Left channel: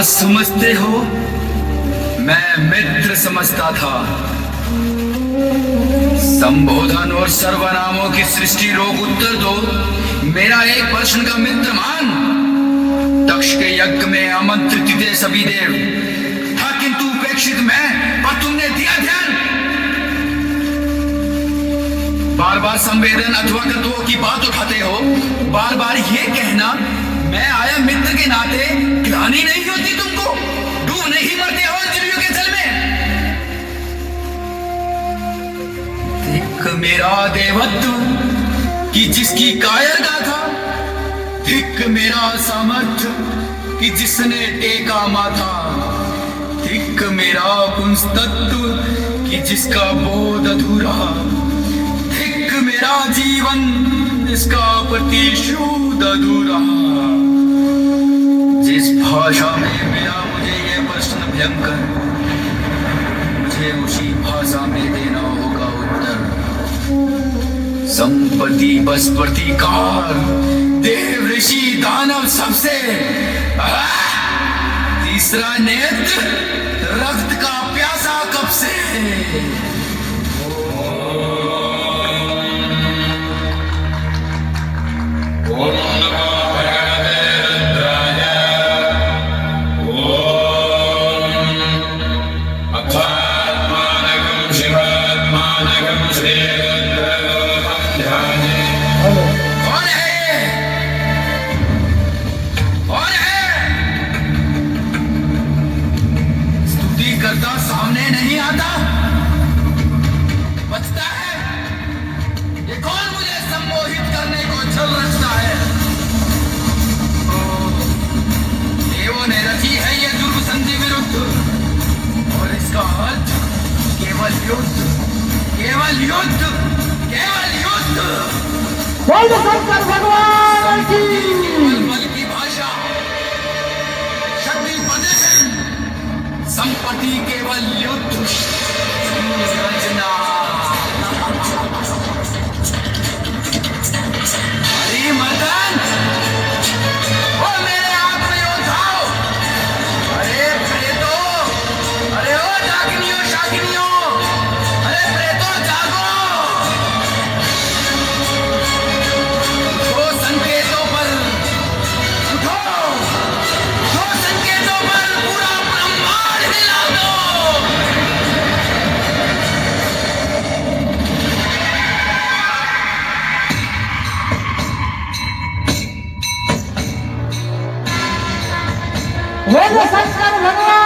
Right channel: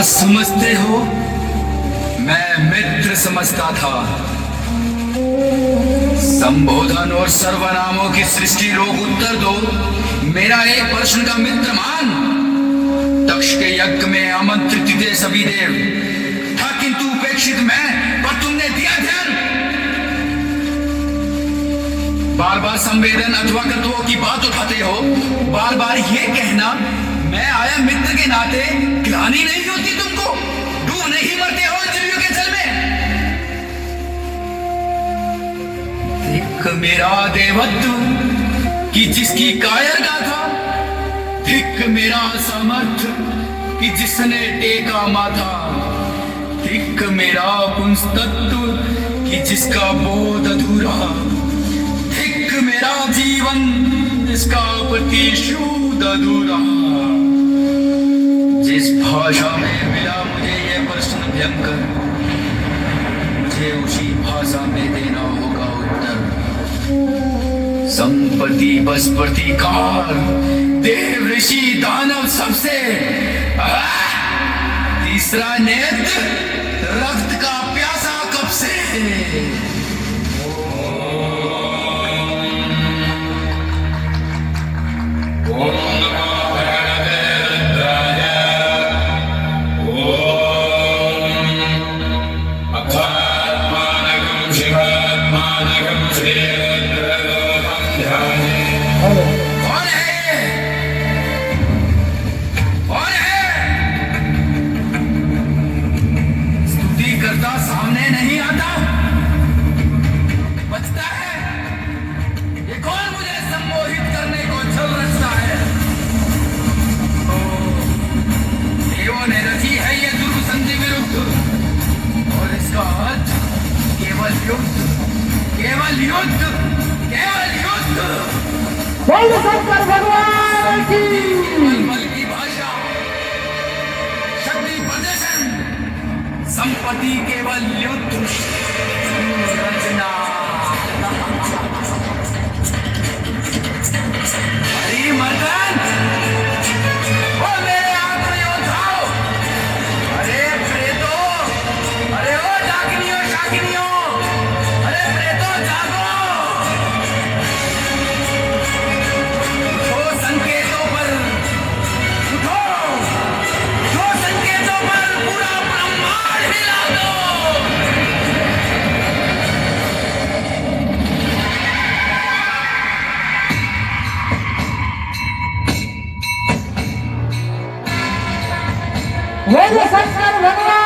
क्या समझते हो? मैं मित्र समझता था। संबोधन और सर्वनामों की सृष्टि रोग उत्तर दो। मेरा एक प्रश्न का मित्र मान। दक्ष के यज्ञ में आमंत्रित थे सभी देव, था किंतु उपेक्षित मैं, पर तुमने दिया ध्यान। बार बार संवेदन अथवा कर्तव्यों की बात उठाते हो। बार बार ये कहना मैं आया मित्र के नाते, ग्लानि नहीं होती तुमको? डूब नहीं मरते हो इंद्रियों के जल में? धिक् मेरा देवत्व कि जिसकी कायर गाथा, धिक् मेरा सामर्थ्य कि जिसने टेका माथा, धिक् मेरा पुंसतत्व कि जिसका बोध अधूरा, धिक् मेरा जीवन जिसका प्रतिशोध अधूरा। जिस भाषा में मेरा मुझे ये प्रश्न भयंकर, मुझे उसी भाषा में देना होगा उत्तर। संपत्ति बस प्रतिकार, देव ऋषि दानव सबसे, तीसरा नेत्र रक्त का प्यासा कब से। सामने नहीं आता, बचता है। ये कौन मुझे सम्मोहित करने को छल रचता है? देवों ने रची है ये दुर्ग संधि विरुद्ध, और इसका अर्थ केवल युद्ध, केवल युद्ध, केवल युद्ध। शंकर भगवान की भाषा, शक्ति प्रदर्शन, संपत्ति केवल युद्ध। मर्दन, ओ मेरे आखिरी उठाओ। अरे प्रेतो, अरे ओ जागनियों शाकिनियों, अरे प्रेतो जागो। जो संकेतों पर उठो, जो संकेतों पर पूरा ब्रह्मांड हिला दो। शंकर भगवान